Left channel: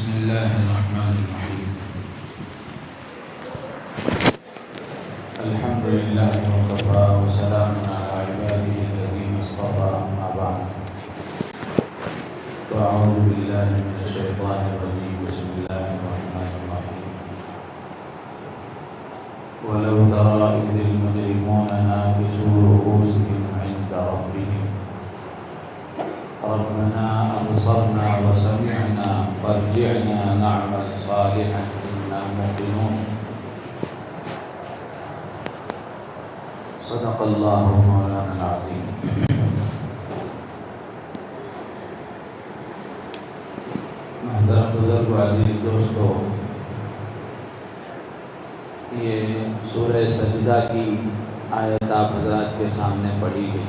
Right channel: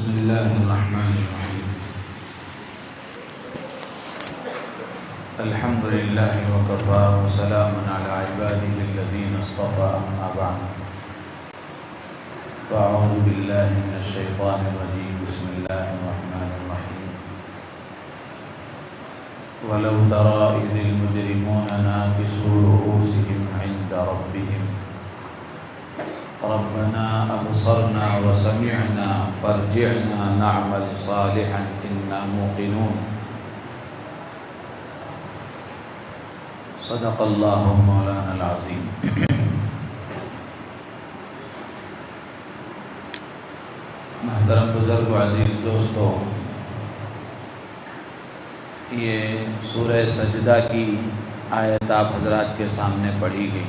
بسم الله الرحمن الرحيم. الحمد لله وكفى وسلام على عباده الذين اصطفى، أما بعد فأعوذ بالله من الشيطان الرجيم. بسم الله الرحمن الرحيم. ولو ترى إذ المجرمون ناكسوا رؤوسهم عند ربهم ربنا أبصرنا وسمعنا فارجعنا نعمل صالحا إنا موقنون. صدق الله مولانا العظيم. محترم بزرگ و عزیز دوستو، یہ سورہ سجدہ کی آیت آپ حضرات کے سامنے پڑھی گئی.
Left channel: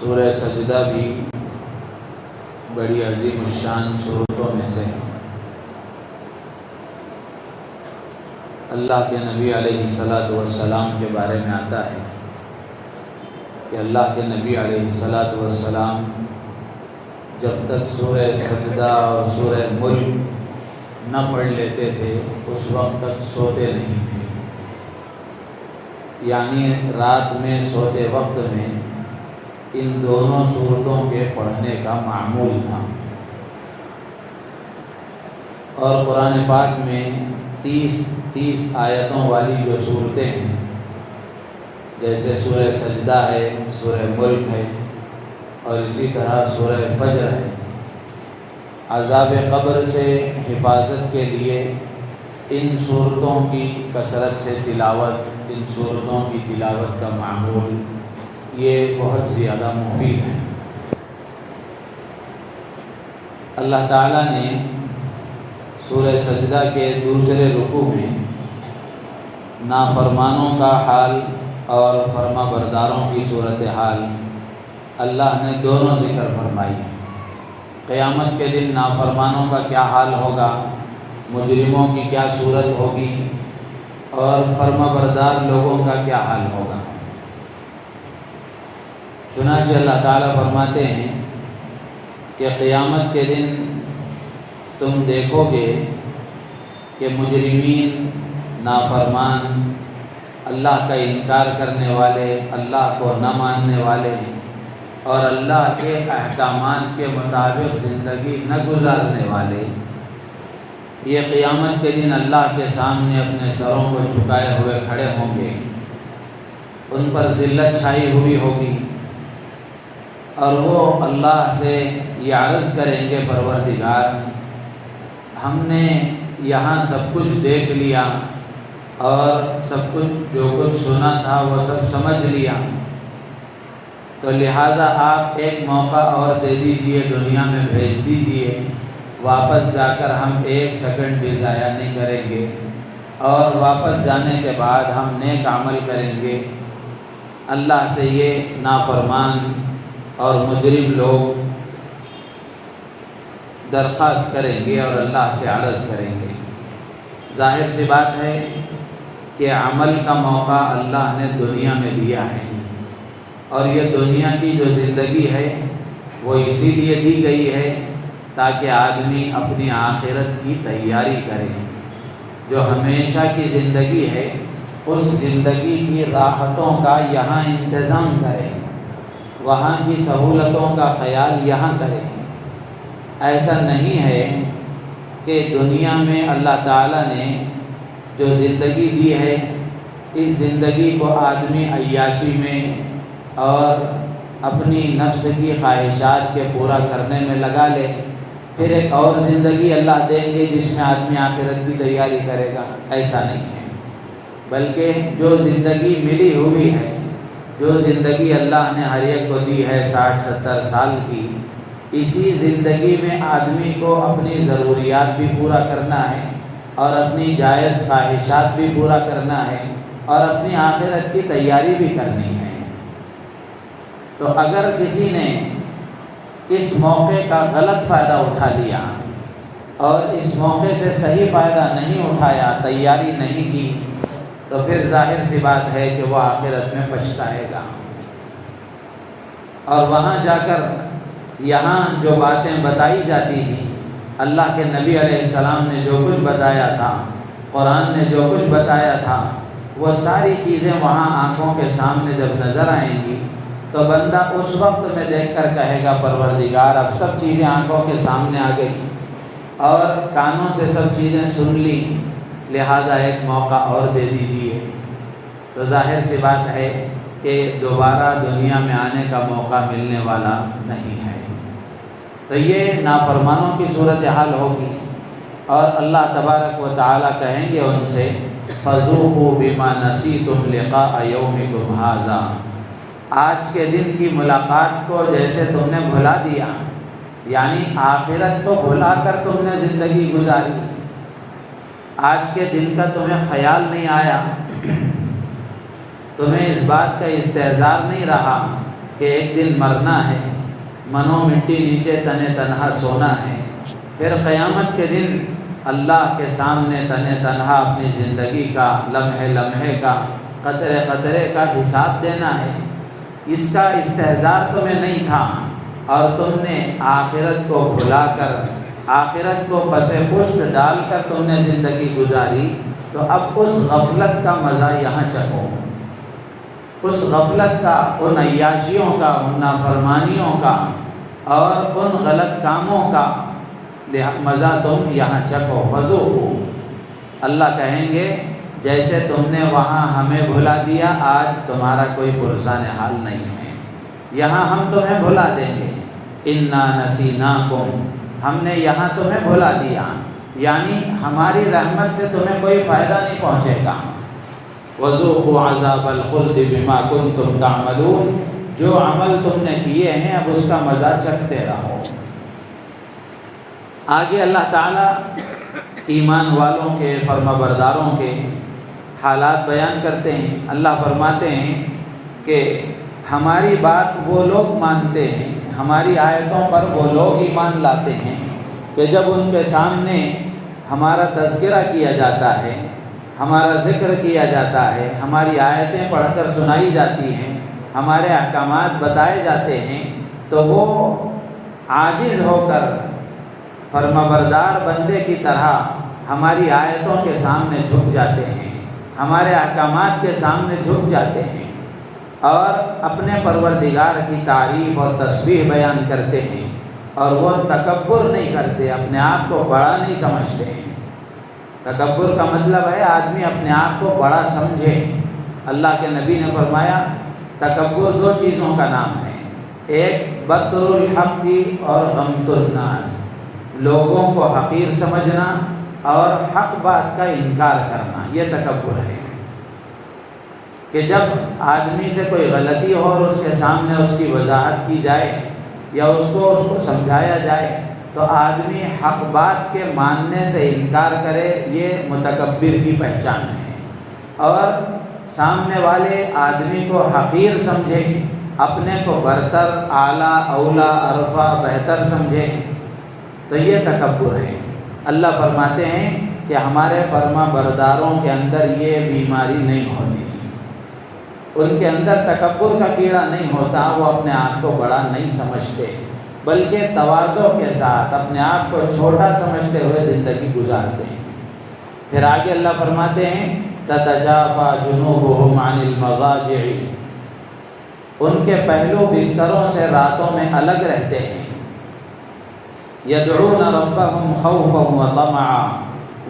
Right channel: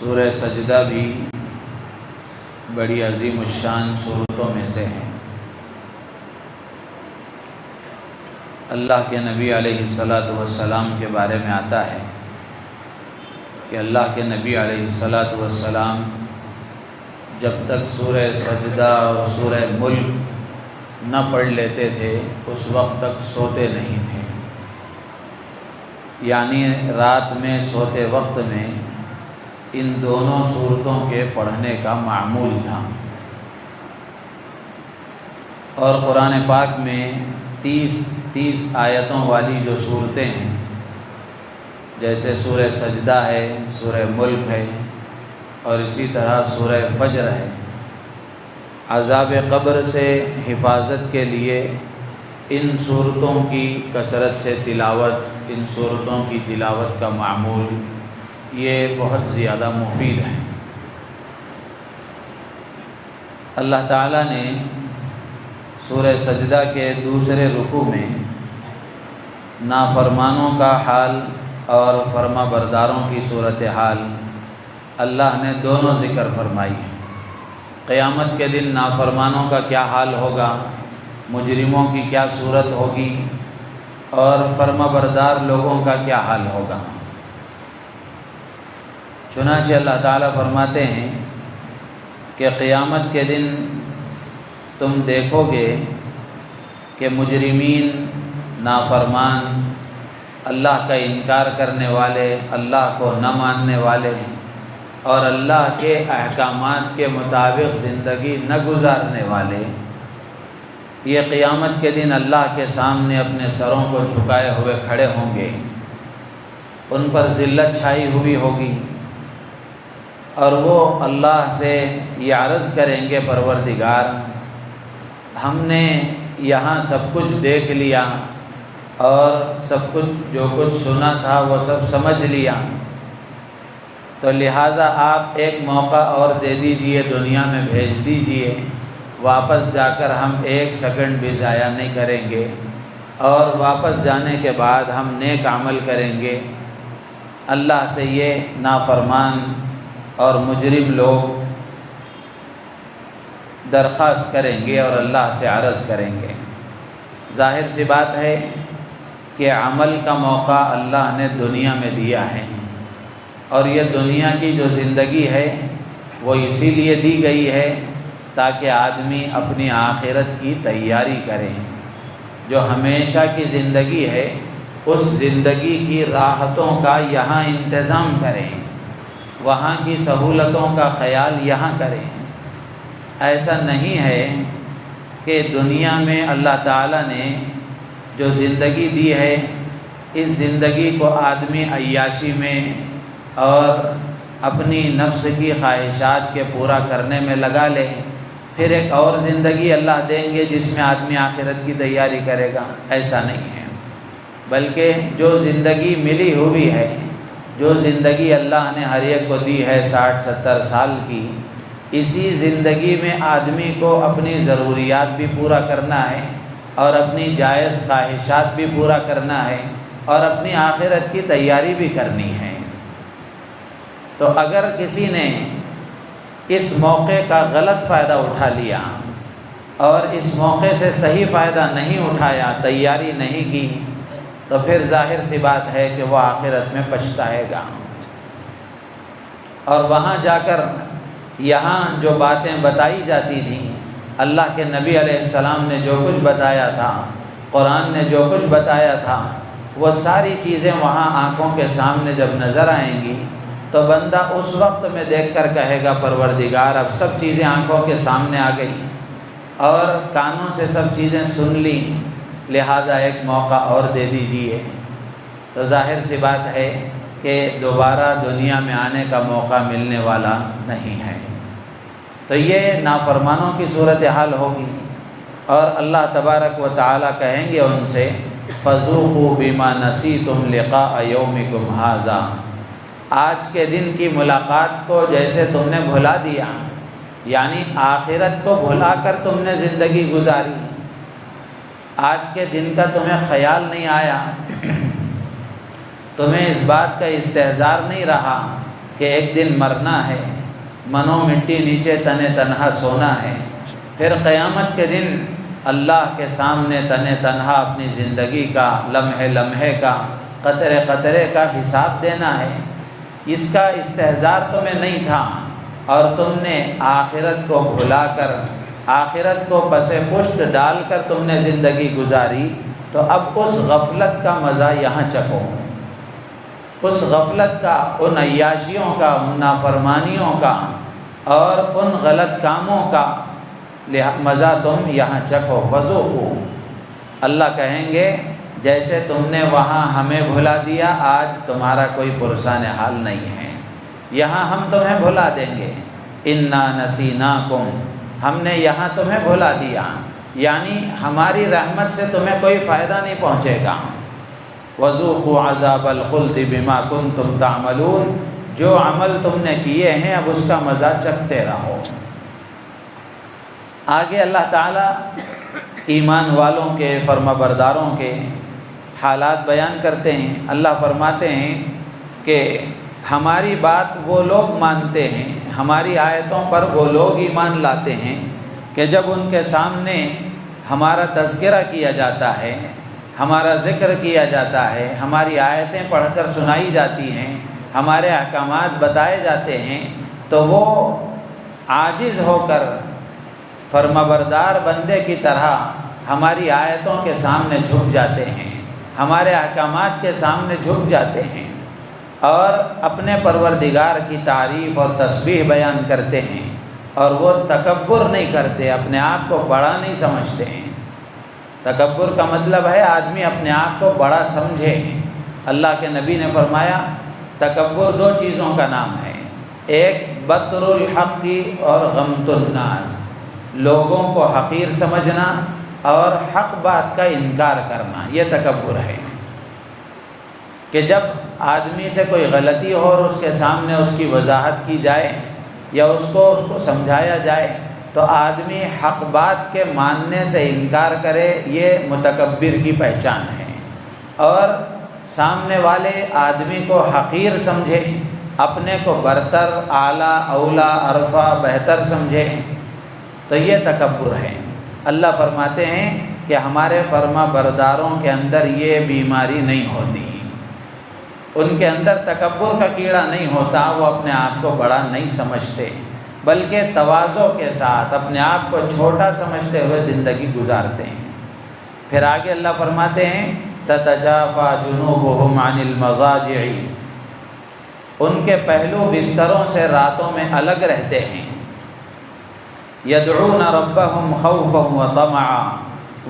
سورہ سجدہ بھی بڑی عظیم الشان صورتوں میں سے ہے. اللہ کے نبی علیہ الصلاۃ والسلام کے بارے میں آتا ہے کہ اللہ کے نبی علیہ الصلاۃ والسلام جب تک سورہ سجدہ اور سورہ ملک نہ پڑھ لیتے تھے اس وقت تک سوتے نہیں تھے. یعنی رات میں سوتے وقت میں ان دونوں صورتوں کے پڑھنے کا معمول تھا. اور قرآن پاک میں 30 آیتوں والی جو صورتیں ہیں، جیسے سورہ سجدہ ہے، سورہ ملک ہے، اور اسی طرح سورہ فجر ہے، عذاب قبر سے حفاظت کے لیے ان صورتوں کی کثرت سے تلاوت، ان صورتوں کی تلاوت کا معمول یہ بہت زیادہ مفید ہے. اللہ تعالیٰ نے سورہ سجدہ کے دوسرے رکوع میں نافرمانوں کا حال اور فرما برداروں کی صورتحال اللہ نے دونوں ذکر فرمائی ہے. قیامت کے دن نافرمانوں کا کیا حال ہوگا، مجرموں کی کیا صورت ہوگی، اور فرما بردار لوگوں کا کیا حال ہوگا. چنانچہ اللہ تعالیٰ فرماتے ہیں کہ قیامت کے دن تم دیکھو گے کہ مجرمین، نافرمان، اللہ کا انکار کرنے والے، اللہ کو نہ ماننے والے اور اللہ کے احکامات کے مطابق زندگی نہ گزارنے والے، یہ قیامت کے دن اللہ کے سامنے اپنے سروں کو جھکائے ہوئے کھڑے ہوں گے. ان پر ذلت چھائی ہوئی ہوگی اور وہ اللہ سے یہ عرض کریں گے، پروردگار ہم نے یہاں سب کچھ دیکھ لیا اور سب کچھ جو کچھ سنا تھا وہ سب سمجھ لیا، تو لہذا آپ ایک موقع اور دے دیجئے، دنیا میں بھیج دیجئے، واپس جا کر ہم ایک سیکنڈ بھی ضائع نہیں کریں گے، اور واپس جانے کے بعد ہم نیک عمل کریں گے. اللہ سے یہ نافرمان اور مجرم لوگ درخواست کریں گے اور اللہ سے عرض کریں گے. ظاہر سی بات ہے کہ عمل کا موقع اللہ نے دنیا میں دیا ہے، اور یہ دنیا کی جو زندگی ہے وہ اسی لیے دی گئی ہے تاکہ آدمی اپنی آخرت کی تیاری کرے. جو ہمیشہ کی زندگی ہے اس زندگی کی راحتوں کا یہاں انتظام کرے، وہاں کی سہولتوں کا خیال یہاں کرے. ایسا نہیں ہے کہ دنیا میں اللہ تعالیٰ نے جو زندگی دی ہے اس زندگی کو آدمی عیاشی میں اور اپنی نفس کی خواہشات کے پورا کرنے میں لگا لے، پھر ایک اور زندگی اللہ دیں گے جس میں آدمی آخرت کی تیاری کرے گا. ایسا نہیں ہے، بلکہ جو زندگی ملی ہوئی ہے، جو زندگی اللہ نے ہر ایک کو دی ہے 60-70 سال کی، اسی زندگی میں آدمی کو اپنی ضروریات بھی پورا کرنا ہے اور اپنی جائز خواہشات بھی پورا کرنا ہے اور اپنی آخرت کی تیاری بھی کرنی ہے. تو اگر کسی نے اس موقع کا غلط فائدہ اٹھا لیا اور اس موقع سے صحیح فائدہ نہیں اٹھایا، تیاری نہیں کی، تو پھر ظاہر سی بات ہے کہ وہ آخرت میں پچھتائے گا اور وہاں جا کر یہاں جو باتیں بتائی جاتی تھیں، اللہ کے نبی علیہ السلام نے جو کچھ بتایا تھا، قرآن نے جو کچھ بتایا تھا، وہ ساری چیزیں وہاں آنکھوں کے سامنے جب نظر آئیں گی تو بندہ اس وقت میں دیکھ کر کہے گا پروردگار اب سب چیزیں آنکھوں کے سامنے آ گئی اور کانوں سے سب چیزیں سن لی، لہذا ایک موقع اور دے دیجیے۔ تو ظاہر سی بات ہے کہ دوبارہ دنیا میں آنے کا موقع ملنے والا نہیں ہے۔ تو یہ نافرمانوں کی صورتحال ہوگی، اور اللہ تبارک و تعالیٰ کہیں گے ان سے فَذُوقُوا بِمَا نَسِيتُمْ لِقَاءَ يَوْمِكُمْ هَٰذَا، آج کے دن کی ملاقات کو جیسے تم نے بھلا دیا، یعنی آخرت کو بھلا کر تم نے زندگی گزاری، آج کے دن کا تمہیں خیال نہیں آیا، تمہیں اس بات کا استحضار نہیں رہا کہ ایک دن مرنا ہے، منو مٹی نیچے تنے تنہا سونا ہے، پھر قیامت کے دن اللہ کے سامنے تنے تنہا اپنی زندگی کا لمحے لمحے کا قطرے قطرے کا حساب دینا ہے۔ اس کا استحضار تمہیں نہیں تھا، اور تم نے آخرت کو بھلا کر، آخرت کو پس پشت ڈال کر تم نے زندگی گزاری، تو اب اس غفلت کا مزہ یہاں چکھو، اس غفلت کا، ان عیاشیوں کا، ان نافرمانیوں کا اور ان غلط کاموں کا مزہ تم یہاں چکھو۔ فذوقوا، اللہ کہیں گے جیسے تم نے وہاں ہمیں بھلا دیا، آج تمہارا کوئی پرسان حال نہیں ہے، یہاں ہم تمہیں بھلا دیں گے۔ انا نسیناکم، ہم نے یہاں تمہیں بھلا دیا، یعنی ہماری رحمت سے تمہیں کوئی فائدہ نہیں پہنچے گا۔ وذوقوا عذاب الخلد بما کنتم تعملون، جو عمل تم نے کیے ہیں اب اس کا مزہ چکھتے رہو۔ آگے اللہ تعالیٰ ایمان والوں کے، فرما برداروں کے حالات بیان کرتے ہیں۔ اللہ فرماتے ہیں کہ ہماری بات وہ لوگ مانتے ہیں، ہماری آیتوں پر وہ لوگ ایمان لاتے ہیں کہ جب ان کے سامنے ہمارا تذکرہ کیا جاتا ہے، ہمارا ذکر کیا جاتا ہے، ہماری آیتیں پڑھ کر سنائی جاتی ہیں، ہمارے احکامات بتائے جاتے ہیں، تو وہ عاجز ہو کر فرما بردار بندے کی طرح ہماری آیتوں کے سامنے جھک جاتے ہیں، ہمارے احکامات کے سامنے جھک جاتے ہیں، اور اپنے پروردگار کی تعریف اور تسبیح بیان کرتے ہیں، اور وہ تکبر نہیں کرتے، اپنے آپ کو بڑا نہیں سمجھتے ہیں۔ تکبر کا مطلب ہے آدمی اپنے آپ کو بڑا سمجھے۔ اللہ کے نبی نے فرمایا تکبر دو چیزوں کا نام ہے، ایک بطر الحق اور غمط الناس، لوگوں کو حقیر سمجھنا اور حق بات کا انکار کرنا، یہ تکبر ہے۔ کہ جب آدمی سے کوئی غلطی ہو اور اس کے سامنے اس کی وضاحت کی جائے یا اس کو سمجھایا جائے تو آدمی حق بات کے ماننے سے انکار کرے، یہ متکبر کی پہچان ہے، اور سامنے والے آدمی کو حقیر سمجھے، اپنے کو برتر، اعلیٰ، اولا، عرفہ، بہتر سمجھے، تو یہ تکبر ہے۔ اللہ فرماتے ہیں کہ ہمارے فرما برداروں کے اندر یہ بیماری نہیں ہوتی، ان کے اندر تکبر کا کیڑا نہیں ہوتا، وہ اپنے آپ کو بڑا نہیں سمجھتے، بلکہ تواضع کے ساتھ اپنے آپ کو چھوٹا سمجھتے ہوئے زندگی گزارتے ہیں۔ پھر آگے اللہ فرماتے ہیں تتجافى جنوبهم عن المضاجع، ان کے پہلو بستروں سے راتوں میں الگ رہتے ہیں۔ يدعون ربهم خوفا وطمعا،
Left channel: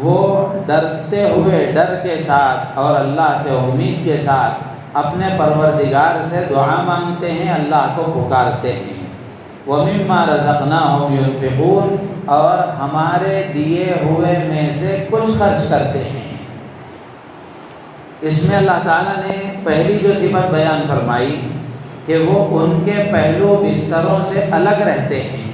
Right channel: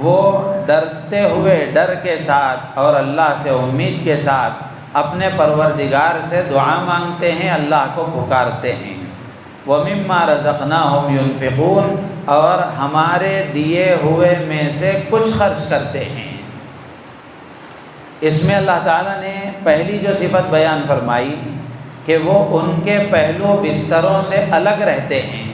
وہ ڈرتے ہوئے، ڈر کے ساتھ اور اللہ سے امید کے ساتھ اپنے پروردگار سے دعا مانگتے ہیں، اللہ کو پکارتے ہیں۔ وَمِمَّا رَزَقْنَاهُمْ يُنْفِقُونَ، اور ہمارے دیے ہوئے میں سے کچھ خرچ کرتے ہیں۔ اس میں اللہ تعالیٰ نے پہلی جو صفت بیان فرمائی کہ وہ ان کے پہلو بستروں سے الگ رہتے ہیں،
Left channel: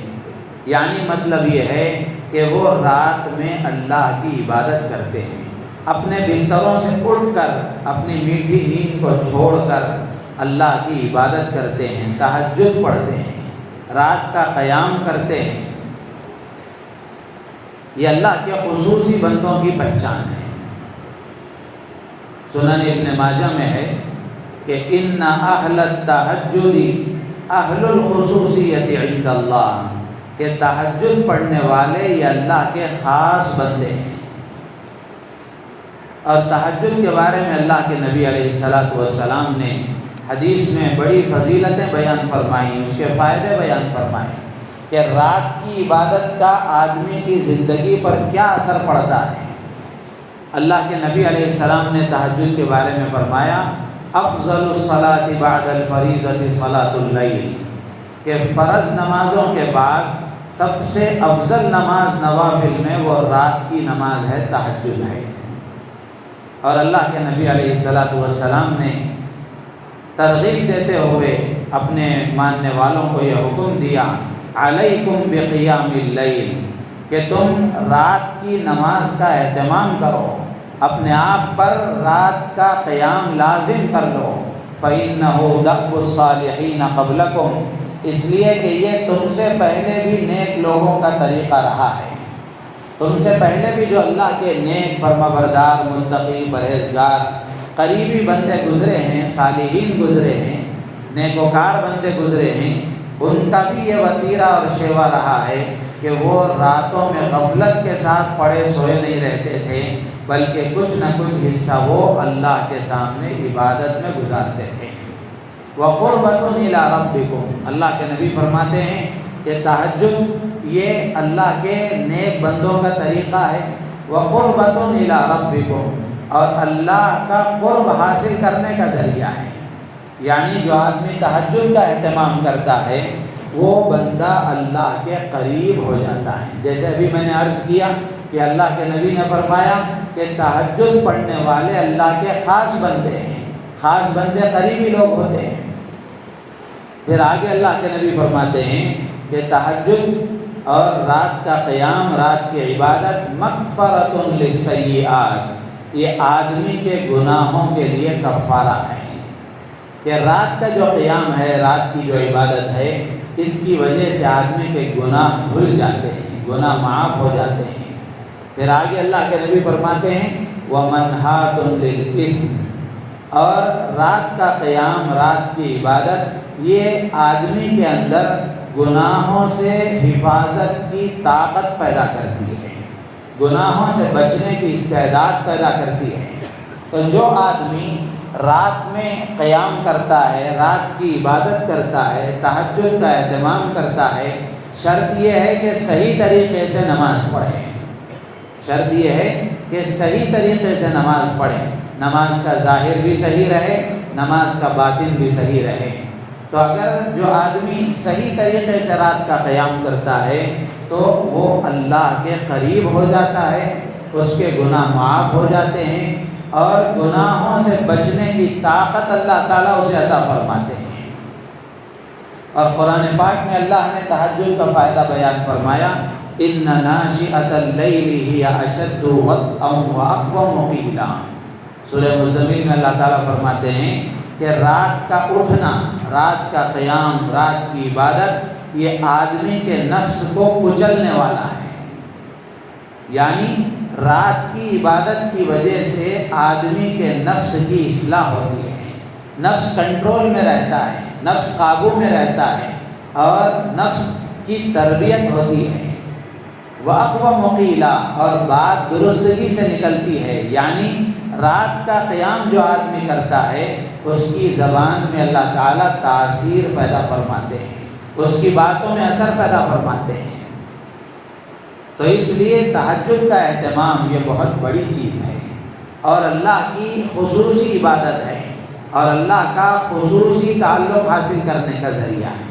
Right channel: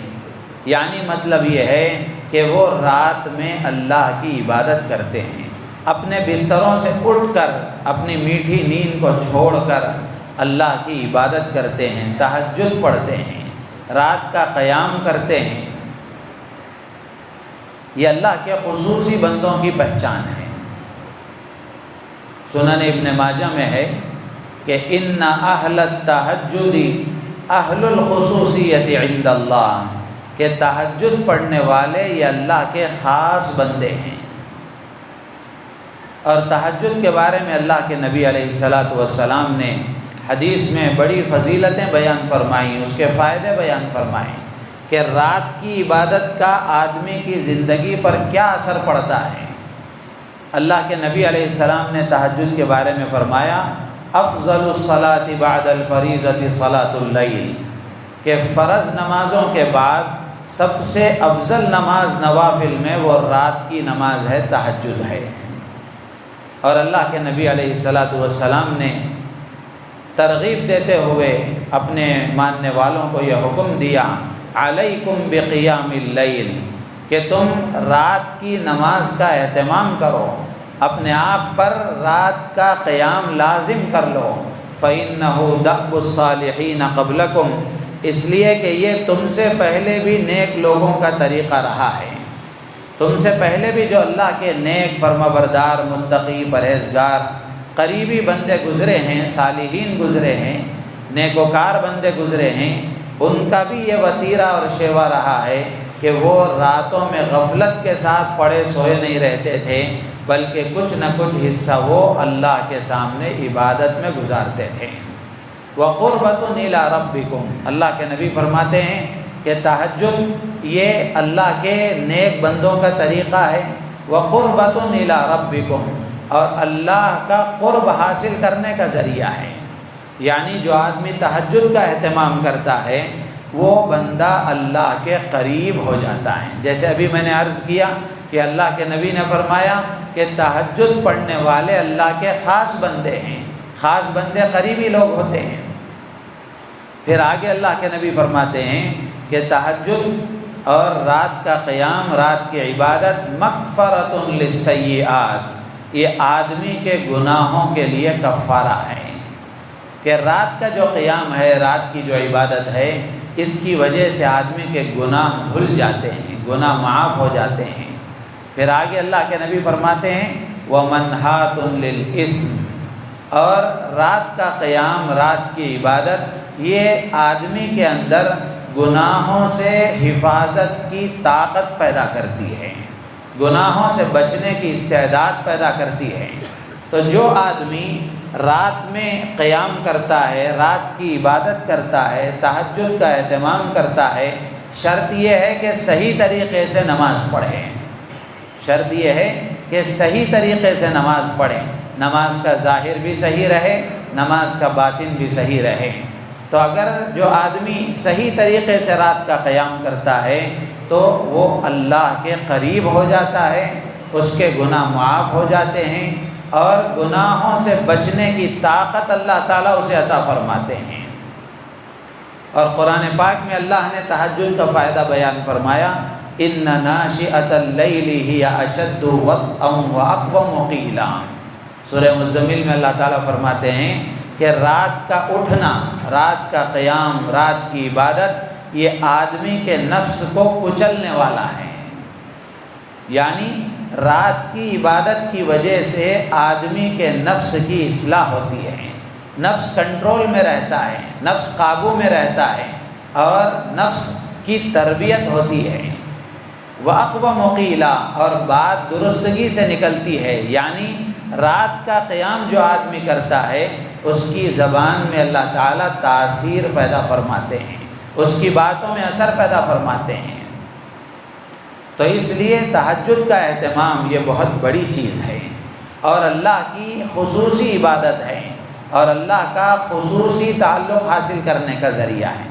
یعنی مطلب یہ ہے کہ وہ رات میں اللہ کی عبادت کرتے ہیں، اپنے بستروں سے اٹھ کر اپنی میٹھی نیند کو چھوڑ کر اللہ کی عبادت کرتے ہیں، تہجد پڑھتے ہیں، رات کا قیام کرتے ہیں۔ یہ اللہ کے خصوصی بندوں کی پہچان ہے۔ سنن ابن ماجہ میں ہے کہ ان اہل التہجد اہل الخصوصیت عند اللہ، کہ تہجد پڑھنے والے یہ اللہ کے خاص بندے ہیں۔ اور تہجد کے بارے میں اللہ کے نبی علیہ السلام نے حدیث میں بڑی فضیلتیں بیان فرمائیں، اس کے فائدے بیان فرمائیں کہ رات کی عبادت کا آدمی کی زندگی پر کیا اثر پڑتا ہے۔ اللہ کے نبی علیہ السلام نے تہجد کے بارے میں فرمایا افضل الصلاة بعد الفریضة صلاة اللیل، کہ فرض نمازوں کے بعد سب سے افضل نماز نوافل میں وہ رات کی نماز ہے، تہجد ہے۔ اور اللہ کے نبی علیہ السلام نے ترغیب دیتے ہوئے اپنے ماننے والوں کو یہ حکم دیا علیکم بقیام اللیل، کہ تم رات کی نماز کا اہتمام کرو، اپنے آپ پر رات کا قیام لازم کر لو۔ فَإِنَّهُ دَأْبُ الصَّالِحِينَ قَبْلَكُمْ، اس لیے کہ یہ تم سے پہلے بھی نیک لوگوں کا طریقہ رہا ہے۔ تم سے پہلے بھی جو اللہ کے نیک فرمانبردار متقی پرہیزگار قریبی بندے گزرے ہیں، صالحین گزرے ہیں، نیکوکار بندے گزرے ہیں، ان کا بھی یہ وتیرہ اور شیوا رہا ہے کہ وہ راتوں میں غفلت کے ساتھ پڑے سوئے نہیں رہتے تھے، بلکہ کچھ نہ کچھ حصہ وہ اللہ کے سامنے عبادت میں گزارتے تھے۔ وَقُرَّةٌ إِلَىٰ رَبِّكُمْ، اللہ کے نبی فرماتے ہیں کہ تہجد یہ اللہ کے نیک بندوں کا طریقہ ہے۔ وَقُرَّةٌ إِلَىٰ رَبِّكُمْ، اور اللہ کا قرب حاصل کرنے کا ذریعہ ہے۔ یعنی جو آدمی تہجد کا اہتمام کرتا ہے وہ بندہ اللہ کے قریب ہو جاتا ہے۔ جیسے ابھی میں نے عرض کیا کہ اللہ کے نبی نے فرمایا کہ تہجد پڑھنے والے اللہ کے خاص بندے ہیں، خاص بندے قریبی لوگ ہوتے ہیں۔ پھر آگے اللہ کے نبی فرماتے ہیں کہ تہجد اور رات کا قیام، رات کی عبادت مغفرۃ للسیئات، یہ آدمی کے گناہوں کے لیے کفارہ ہے۔ کہ رات کا جو قیام ہے، رات کی جو عبادت ہے، اس کی وجہ سے آدمی کے گناہ دھل جاتے ہیں، گناہ معاف ہو جاتے ہیں۔ پھر آگے اللہ کے نبی فرماتے ہیں وَمَنْهَاتٌ لِلْإِثْمِ، اور رات کا قیام، رات کی عبادت یہ آدمی کے اندر گناہوں سے حفاظت کی طاقت پیدا کرتی ہے، گناہوں سے بچنے کی استعداد پیدا کرتی ہے۔ تو جو آدمی رات میں قیام کرتا ہے، رات کی عبادت کرتا ہے، تہجد کا اہتمام کرتا ہے، شرط یہ ہے کہ صحیح طریقے سے نماز پڑھے، شرط یہ ہے کہ صحیح طریقے سے نماز پڑھے، نماز کا ظاہر بھی صحیح رہے، نماز کا باطن بھی صحیح رہے۔ تو اگر جو آدمی صحیح طریقے سے رات کا قیام کرتا ہے تو وہ اللہ کے قریب ہو جاتا ہے، اس کے گناہ معاف ہو جاتے ہیں، اور گناہوں سے بچنے کی طاقت اللہ تعالیٰ اسے عطا فرماتے ہیں۔ اور قرآن پاک میں اللہ نے تہجد کا فائدہ بیان فرمایا إِنَّ نَاشِئَةَ اللَّيْلِ هِيَ أَشَدُّ وَطْئًا وَأَقْوَمُ قِيلًا، سورہ مزمل میں اللہ تعالیٰ فرماتے ہیں کہ رات کا اٹھنا، رات کا قیام، رات کی عبادت یہ آدمی کے نفس کو کچلنے والا ہے۔ یعنی رات کی عبادت کی وجہ سے آدمی کے نفس کی اصلاح ہوتی ہے، نفس کنٹرول میں رہتا ہے، نفس قابو میں رہتا ہے، اور نفس کی تربیت ہوتی ہے۔ وَأَقْوَمُ قِيلًا، اور بات درستگی سے نکلتی ہے۔ یعنی رات کا قیام جو آدمی کرتا ہے اس کی زبان میں اللہ تعالیٰ تاثیر پیدا فرماتے ہیں، اس کی باتوں میں اثر پیدا فرماتے ہیں۔ تو اس لیے تہجد کا اہتمام یہ بہت بڑی چیز ہے، اور اللہ کی خصوصی عبادت ہے، اور اللہ کا خصوصی تعلق حاصل کرنے کا ذریعہ ہے۔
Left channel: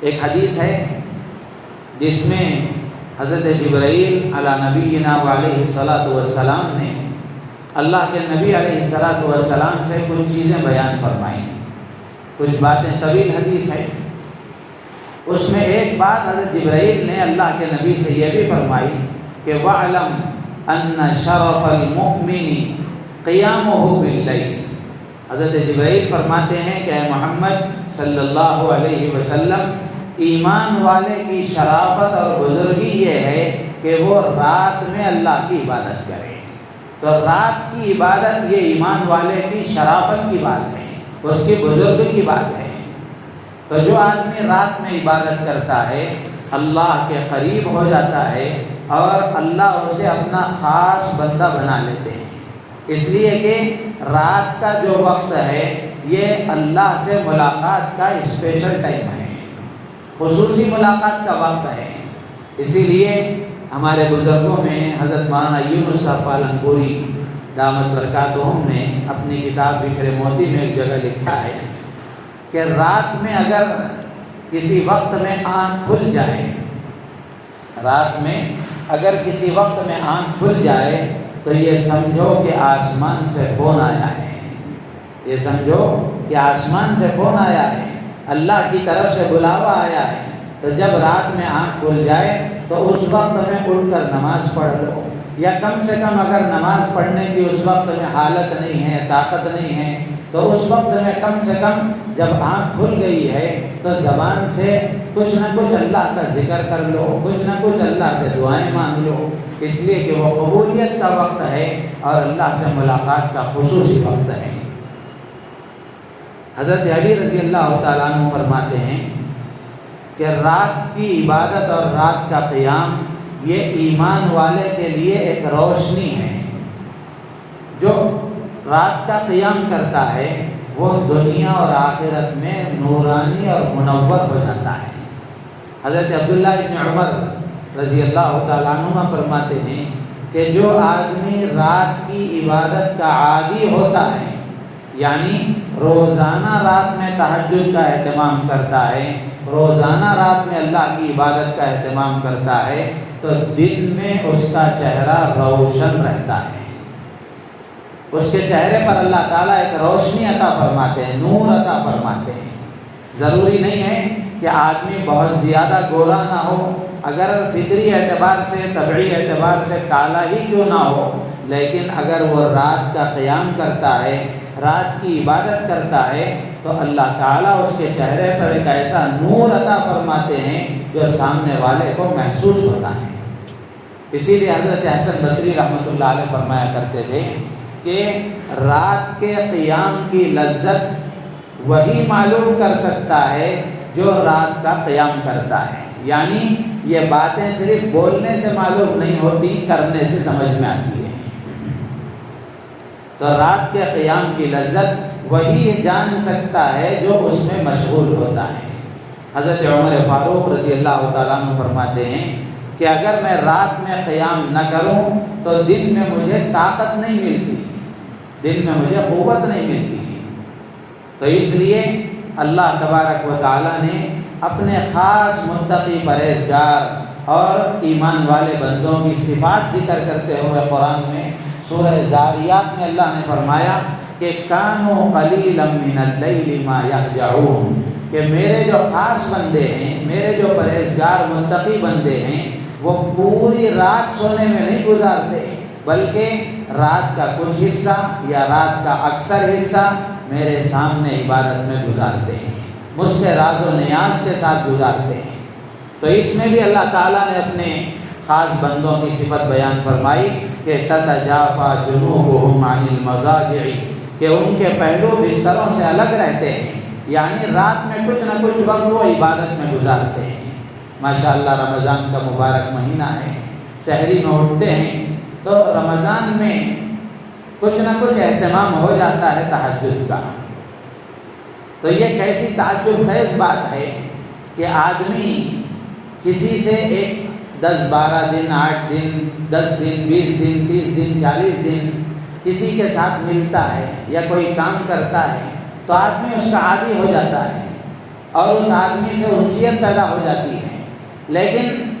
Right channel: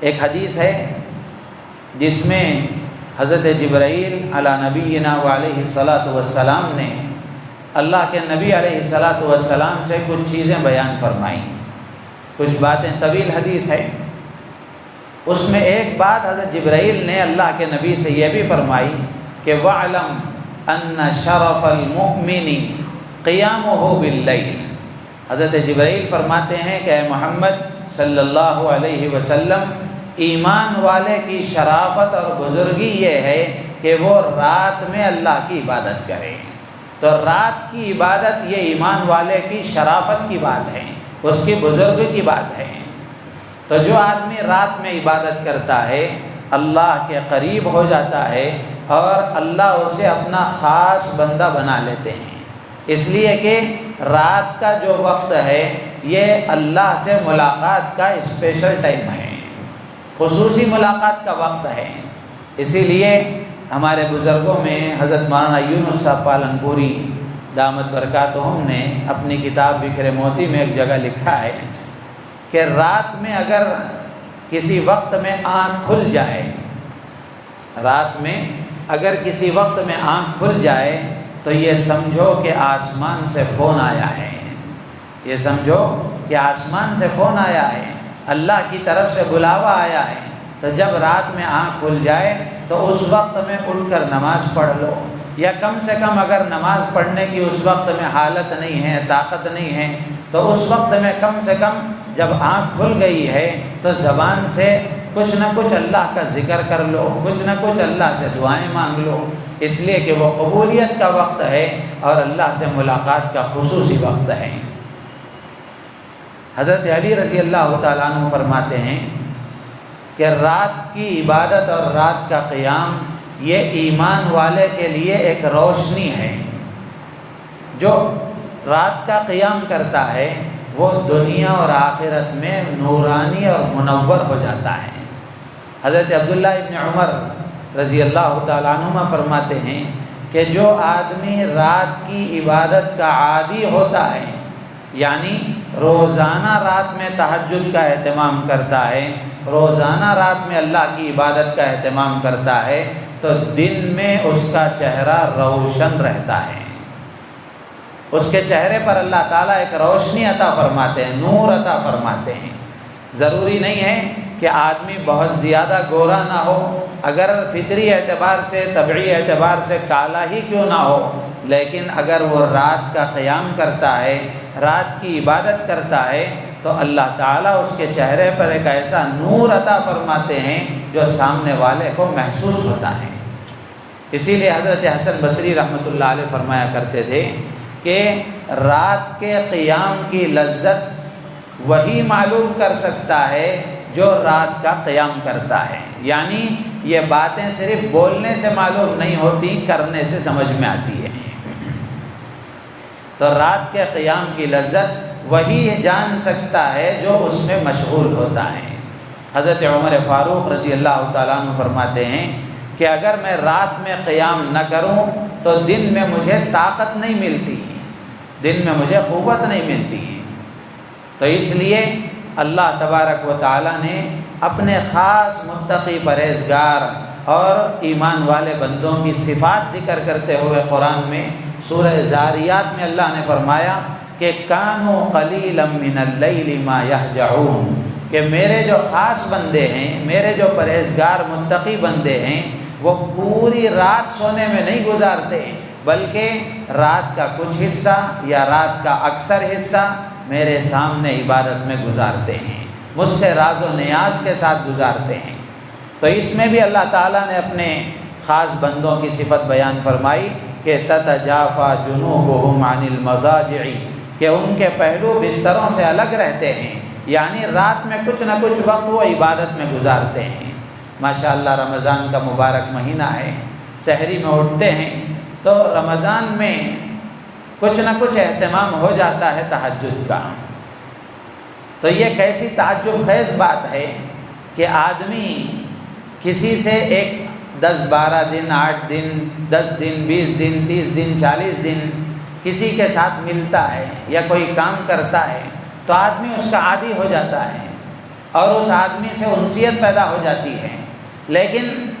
ایک حدیث ہے جس میں حضرت جبرائیل علی نبینا وعلیہ الصلاۃ والسلام نے اللہ کے نبی علیہ الصلاۃ والسلام سے کچھ چیزیں بیان فرمائیں، کچھ باتیں، طویل حدیث ہے۔ اس میں ایک بات حضرت جبرائیل نے اللہ کے نبی سے یہ بھی فرمائی کہ وَعْلَمْ أَنَّ شَرَفَ الْمُؤْمِنِ قِيَامُهُ بِاللَّيْلِ، حضرت جبرائیل فرماتے ہیں کہ اے محمد صلی اللہ علیہ وسلم، ایمان والے کی شرافت اور بزرگی یہ ہے کہ وہ رات میں اللہ کی عبادت کرے۔ تو رات کی عبادت یہ ایمان والے کی شرافت کی بات ہے، اس کی بزرگی کی بات ہے۔ تو جو آدمی رات میں عبادت کرتا ہے اللہ کے قریب ہو جاتا ہے اور اللہ اسے اپنا خاص بندہ بنا لیتے ہیں، اس لیے کہ رات کا جو وقت ہے یہ اللہ سے ملاقات کا اسپیشل ٹائم ہے، خصوصی ملاقات کا وقت ہے۔ اسی لیے ہمارے بزرگوں میں حضرت مولانا یونس صاحب پالنپوری دامت برکاتہم نے اپنی کتاب بکھرے موتی میں ایک جگہ لکھا ہے کہ رات میں اگر کسی وقت میں آنکھ کھل جائے، رات میں اگر کسی وقت میں آنکھ کھل جائے تو یہ سمجھو کہ آسمان سے فون آیا ہے، یہ سمجھو کہ آسمان سے فون آیا ہے، اللہ کی طرف سے بلاوا آیا ہے۔ تو جب رات میں آنکھ کھل جائے تو اس وقت میں اٹھ کر نماز پڑھ لو، یا کم سے کم اگر نماز پڑھنے کی اس وقت میں حالت نہیں ہے، طاقت نہیں ہے، تو اس وقت میں کم سے کم جب آنکھ کھل گئی ہے تو زبان سے کچھ نہ کچھ اللہ کا ذکر کر لو، کچھ نہ کچھ اللہ سے دعائیں مانگ لو، اس لیے کہ وہ قبولیت کا وقت ہے اور اللہ سے ملاقات کا خصوصی وقت ہے۔ حضرت علی رضی اللہ تعالیٰ عنہ فرماتے ہیں کہ رات کی عبادت اور رات کا قیام یہ ایمان والے کے لیے ایک روشنی ہے۔ جو رات کا قیام کرتا ہے وہ دنیا اور آخرت میں نورانی اور منور ہو جاتا ہے۔ حضرت عبداللہ ابن عمر رضی اللہ تعالیٰ عنہ فرماتے ہیں کہ جو آدمی رات کی عبادت کا عادی ہوتا ہے، یعنی روزانہ رات میں تہجد کا اہتمام کرتا ہے، روزانہ رات میں اللہ کی عبادت کا اہتمام کرتا ہے، تو دن میں اس کا چہرہ روشن رہتا ہے، اس کے چہرے پر اللہ تعالیٰ ایک روشنی عطا فرماتے ہیں، نور عطا فرماتے ہیں۔ ضروری نہیں ہے کہ آدمی بہت زیادہ گورا نہ ہو، اگر فطری اعتبار سے طبعی اعتبار سے کالا ہی کیوں نہ ہو، لیکن اگر وہ رات کا قیام کرتا ہے، رات کی عبادت کرتا ہے، تو اللہ تعالیٰ اس کے چہرے پر ایک ایسا نور عطا فرماتے ہیں جو سامنے والے کو محسوس ہوتا ہے۔ اسی لیے حضرت حسن بصری رحمۃ اللہ علیہ فرمایا کرتے تھے کہ رات کے قیام کی لذت وہی معلوم کر سکتا ہے جو رات کا قیام کرتا ہے، یعنی یہ باتیں صرف بولنے سے معلوم نہیں ہوتی، کرنے سے سمجھ میں آتی ہے۔ تو رات کے قیام کی لذت وہی جان سکتا ہے جو اس میں مشغول ہوتا ہے۔ حضرت عمر فاروق رضی اللہ تعالیٰ عنہ فرماتے ہیں کہ اگر میں رات میں قیام نہ کروں تو دن میں مجھے طاقت نہیں ملتی، دن میں مجھے قوت نہیں ملتی۔ تو اس لیے اللہ تبارک و تعالیٰ نے اپنے خاص متقی پرہیزگار اور ایمان والے بندوں کی صفات ذکر کرتے ہوئے قرآن میں سورہ زاریات میں اللہ نے فرمایا کہ کانوا قلیلا من اللیل ما یہجعون، کہ میرے جو خاص بندے ہیں، میرے جو پرہیزگار متقی بندے ہیں، وہ پوری رات سونے میں نہیں گزارتے، بلکہ رات کا کچھ حصہ یا رات کا اکثر حصہ میرے سامنے عبادت میں گزارتے ہیں، مجھ سے راز و نیاز کے ساتھ گزارتے ہیں۔ تو اس میں بھی اللہ تعالیٰ نے اپنے خاص بندوں کی صفت بیان فرمائی کہ تتجافی جنوبہم عن المضاجع، کہ ان کے پہلو بستروں سے الگ رہتے ہیں، یعنی رات میں کچھ نہ کچھ وقت وہ عبادت میں گزارتے ہیں۔ ماشاءاللہ رمضان کا مبارک مہینہ ہے، سحری میں اٹھتے ہیں تو رمضان میں کچھ نہ کچھ اہتمام ہو جاتا ہے تہجد کا۔ تو یہ کیسی تعجب خیز بات ہے کہ آدمی کسی سے ایک 10-12 دن، 8 دن، 10 دن، 20 دن، 30 دن، 40 دن کسی کے ساتھ ملتا ہے یا کوئی کام کرتا ہے تو آدمی اس کا عادی ہو جاتا ہے اور اس آدمی سے انسیت پیدا ہو جاتی ہے، لیکن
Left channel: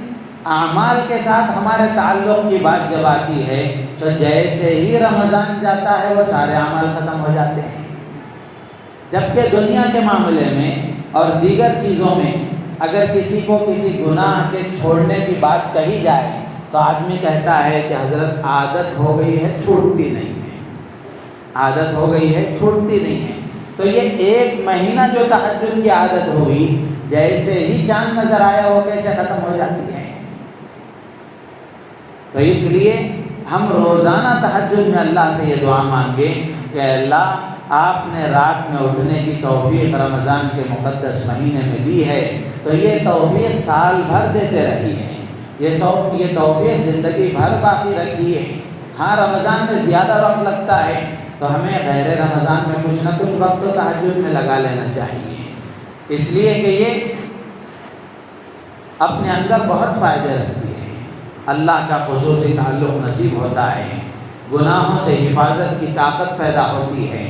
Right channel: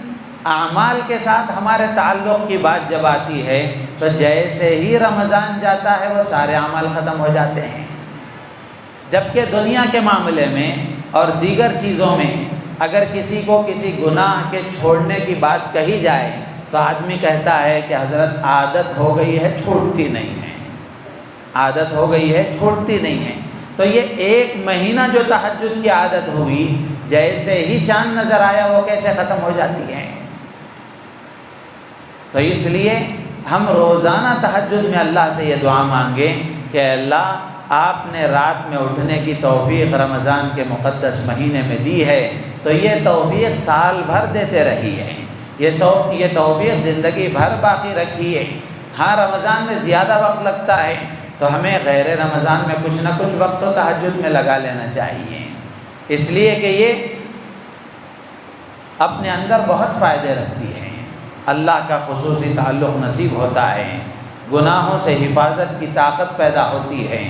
اعمال کے ساتھ ہمارے تعلق کی بات جب آتی ہے تو جیسے ہی رمضان جاتا ہے وہ سارے اعمال ختم ہو جاتے ہیں۔ جبکہ دنیا کے معاملے میں اور دیگر چیزوں میں اگر کسی کو کسی گناہ کے چھوڑنے کی بات کہی جائے تو آدمی کہتا ہے کہ حضرت عادت ہو گئی ہے، چھوٹتی نہیں ہے، عادت ہو گئی ہے، چھوٹتی نہیں ہے۔ تو یہ ایک مہینہ جو تہجد کی عادت ہوئی، جیسے ہی چاند نظر آیا وہ کیسے ختم ہو جاتی ہے۔ تو اس لیے ہم روزانہ تہجد میں اللہ سے یہ دعا مانگیں کہ اللہ آپ نے رات میں اٹھنے کی توفیق رمضان کے مقدس مہینے میں دی ہے، تو یہ توفیق سال بھر دیتے رہی ہے، یہ توفیق زندگی بھر باقی رکھی ہے۔ ہاں رمضان میں زیادہ وقت لگتا ہے، تو ہمیں غیر رمضان میں کچھ نہ کچھ وقت تو تہجد میں لگا لینا چاہیے، اس لیے کہ یہ اپنے اندر بہت فائدے رکھتی ہے، اللہ کا خصوصی تعلق نصیب ہوتا ہے، گناہوں سے حفاظت کی طاقت پیدا ہوتی ہے،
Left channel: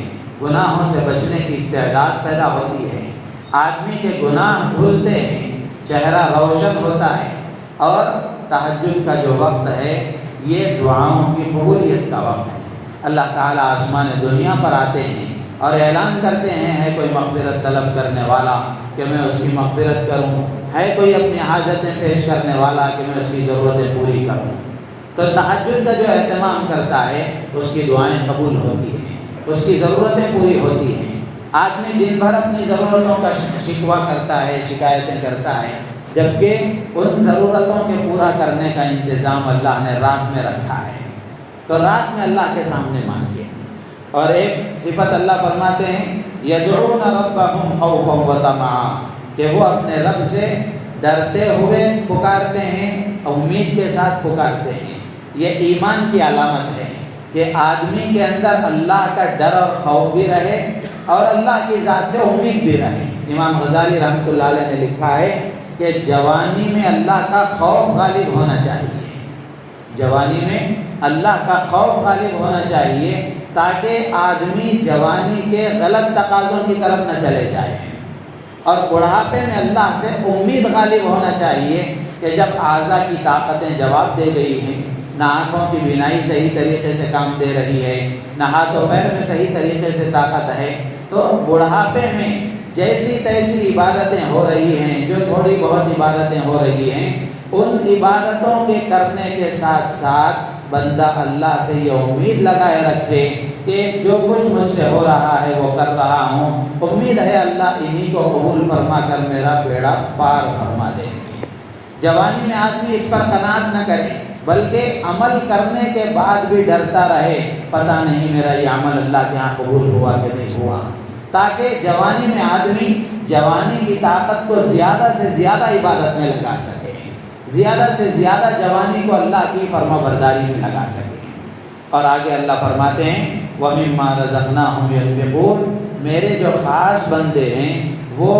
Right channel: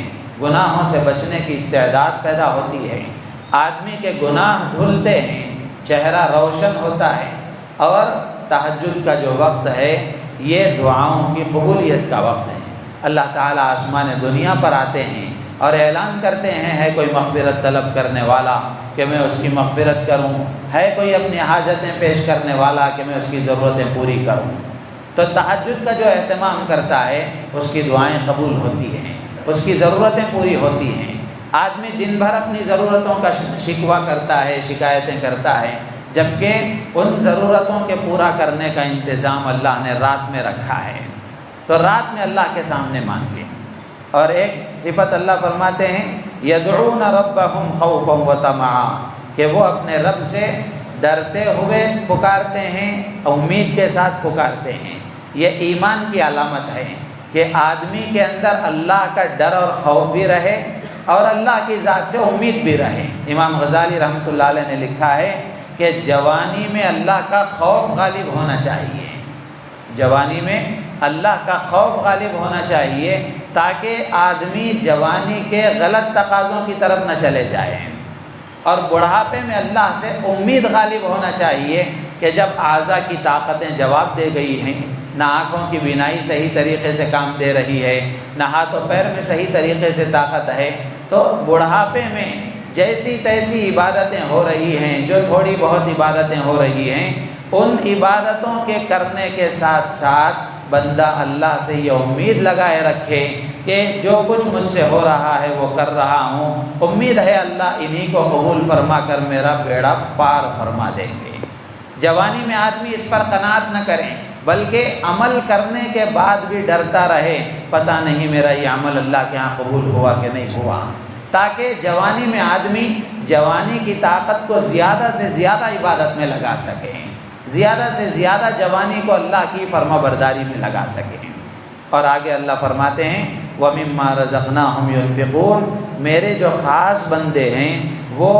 گناہوں سے بچنے کی استعداد پیدا ہوتی ہے، آدمی کے گناہ دھلتے ہیں، چہرہ روشن ہوتا ہے، اور تہجد کا جو وقت ہے یہ دعاؤں کی قبولیت کا وقت ہے۔ اللہ تعالیٰ آسمان دنیا پر آتے ہیں اور اعلان کرتے ہیں، ہے کوئی مغفرت طلب کرنے والا کہ میں اس کی مغفرت کروں، ہے کوئی اپنی حاجتیں پیش کرنے والا کہ میں اس کی ضرورتیں پوری کروں۔ تو تہجد کا جو اہتمام کرتا ہے اس کی دعائیں قبول ہوتی ہیں، اس کی ضرورتیں پوری ہوتی ہیں۔ آدمی دن بھر اپنی ضرورتوں کا شکوہ کرتا ہے، شکایتیں کرتا ہے، جبکہ ان ضرورتوں کے پورا کرنے کا انتظام اللہ نے رات میں رکھا ہے، تو رات میں اللہ کے سامنے مانگے۔ اور ایک صفت اللہ فرماتے ہیں یدعون ربهم خوفا وطمعا، کہ وہ اپنے رب سے ڈرتے ہوئے پکارتے ہیں، امید کے ساتھ پکارتے ہیں۔ یہ ایمان کی علامت ہے کہ آدمی کے اندر اللہ کا ڈر اور خوف بھی رہے اور اللہ کی ذات سے امید بھی رہے۔ امام غزالی رحمۃ اللہ علیہ نے لکھا ہے کہ جوانی میں اللہ کا خوف غالب ہونا چاہیے، جوانی میں اللہ کا خوف غالب ہونا چاہیے، تاکہ آدمی جوانی کے غلط تقاضوں کی طرف نہ چلے جائے، اور بڑھاپے میں اللہ سے امید غالب ہونا چاہیے کہ جب اعضاء کی طاقتیں جواب دے گئی ہیں، نہ آنکھوں کی بینائی صحیح طریقے سے کام دے رہی ہے، نہ ہاتھوں پیر میں صحیح طریقے سے طاقت ہے، تو بڑھاپے میں جیسی تیسی عبادتیں ہو رہی ہیں، جو تھوڑی بہت عبادتیں ہو رہی ہیں، ان عبادتوں کے کرنے کے ساتھ ساتھ بندہ اللہ سے یہ امید لگائے رکھے کہ جو کچھ مجھ سے ہو رہا ہے وہ کر رہا ہوں، امید ہے اللہ انہی کو قبول فرما کر میرا بیڑا پار فرما دیں گے۔ جوانی میں آدمی اس پر قناعت نہ کرے، بلکہ عمل کرنے کے بعد بھی ڈرتا رہے، پتہ نہیں میرا یہ عمل اللہ کے یہاں قبول ہوا کہ نہیں ہوا، تاکہ جوانی میں آدمی جوانی کی طاقت کو زیادہ سے زیادہ عبادت میں لگا سکے، زیادہ سے زیادہ جوانی کو اللہ کی فرما برداری میں لگا سکے۔ اور آگے اللہ فرماتے ہیں وَمِمَّا رَزَقْنَاهُمْ يُنْفِقُونَ، میرے جو خاص بندے ہیں وہ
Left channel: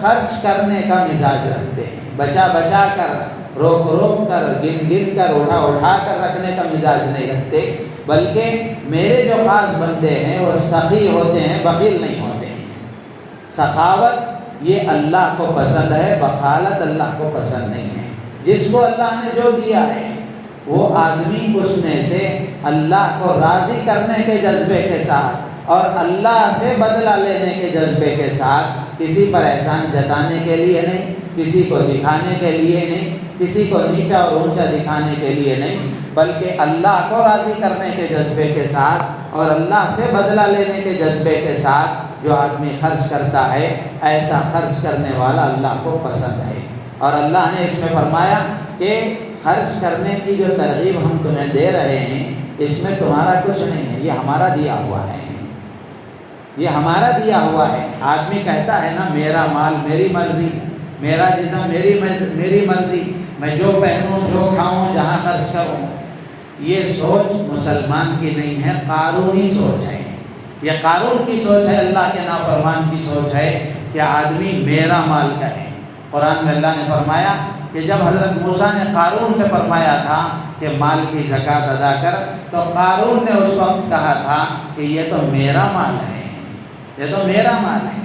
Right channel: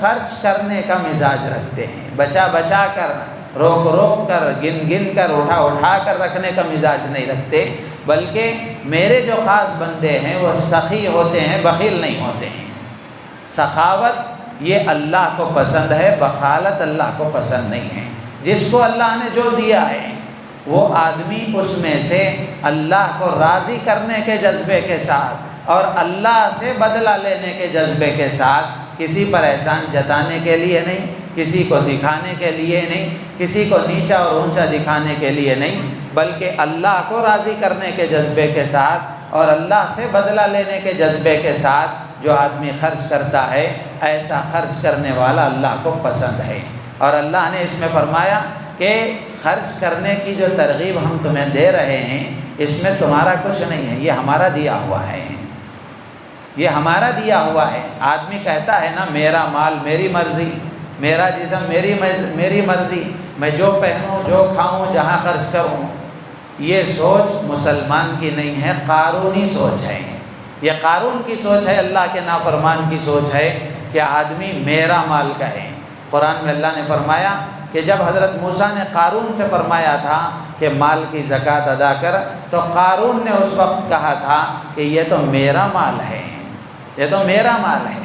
خرچ کرنے کا مزاج رکھتے ہیں، بچا بچا کر، روک روک کر، گن گن کر، اٹھا اٹھا کر رکھنے کا مزاج نہیں رکھتے، بلکہ میرے جو خاص بندے ہیں وہ سخی ہوتے ہیں، بخیل نہیں ہوتے ہیں۔ سخاوت یہ اللہ کو پسند ہے، بخالت اللہ کو پسند نہیں ہے۔ جس کو اللہ نے جو دیا ہے وہ آدمی اس میں سے اللہ کو راضی کرنے کے جذبے کے ساتھ اور اللہ سے بدلہ لینے کے جذبے کے ساتھ، کسی پر احسان جتانے کے لیے نہیں، کسی کو دکھانے کے لیے نہیں، کسی کو نیچا اور اونچا دکھانے کے لیے نہیں، بلکہ اللہ کو راضی کرنے کے جذبے کے ساتھ اور اللہ سے بدلہ لینے کے جذبے کے ساتھ جو آدمی خرچ کرتا ہے، ایسا خرچ کرنے والا اللہ کو پسند ہے۔ اور اللہ نے اس میں فرمایا کہ خرچ کرنے کی جو ترغیب ہم تمہیں دے رہے ہیں، اس میں تمہارا کچھ نہیں ہے، یہ ہمارا دیا ہوا ہے، یہ ہمارا دیا ہوا ہے۔ آدمی کہتا ہے نا میرا مال میری مرضی، میرا جسم میری مرضی، میں جو پہنوں، جو کھاؤں، جہاں خرچ کروں، یہ سوچ مسلمان کی نہیں ہے، قارونی سوچ ہے۔ یہ قارون کی سوچ ہے، اللہ کے نافرمان کی سوچ ہے کہ آدمی میرا مال کہے۔ قرآن میں اللہ نے فرمایا کہ جب حضرت موسیٰ نے قارون سے فرمایا تھا کہ مال کی زکوٰۃ ادا کر، تو قارون نے اس وقت کہا تھا کہ یہ تو میرا مال ہے، یہ تو میرا مال ہے۔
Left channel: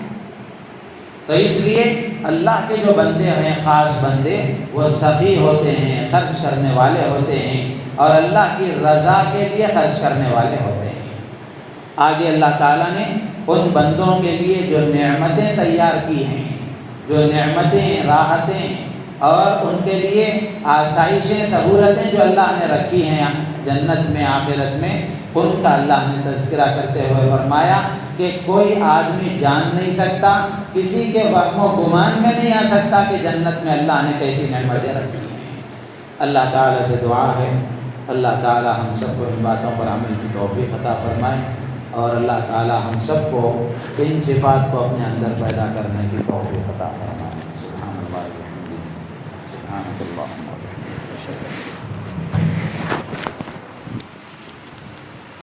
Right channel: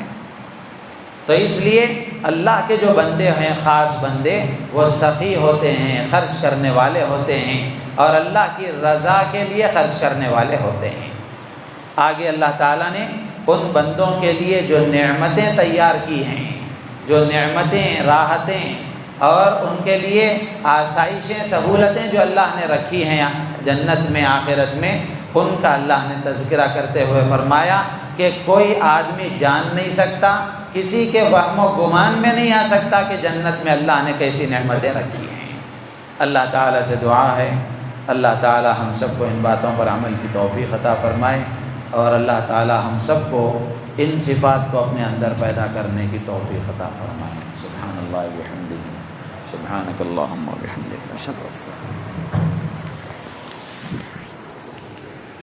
تو اس لیے اللہ کے جو بندے ہیں، خاص بندے، وہ سخی ہوتے ہیں، خرچ کرنے والے ہوتے ہیں، اور اللہ کی رضا کے لیے خرچ کرنے والے ہوتے ہیں۔ آگے اللہ تعالیٰ نے ان بندوں کے لیے جو نعمتیں تیار کی ہیں، جو نعمتیں، راحتیں اور ان کے لیے آسائشیں، سہولتیں جو اللہ نے رکھی ہیں جنت میں، آخرت میں، ان کا اللہ نے تذکرہ کرتے ہوئے فرمایا کہ کوئی آدمی جان نہیں سکتا، کسی کے وہم و گمان میں نہیں آ سکتا کہ جنت میں اللہ نے کیسی نعمتیں رکھی ہیں۔ اللہ تعالیٰ سے دعا ہے اللہ تعالیٰ ہم سب کو ان باتوں پر عمل کی توفیق عطا فرمائے۔ اور اللہ تعالی ہم سب کو ان صفات کو اپنے اندر پیدا کرنے کی توفیق عطا فرمائے۔ سبحان اللہ و بحمدہ، سبحانک اللہم و بحمدک۔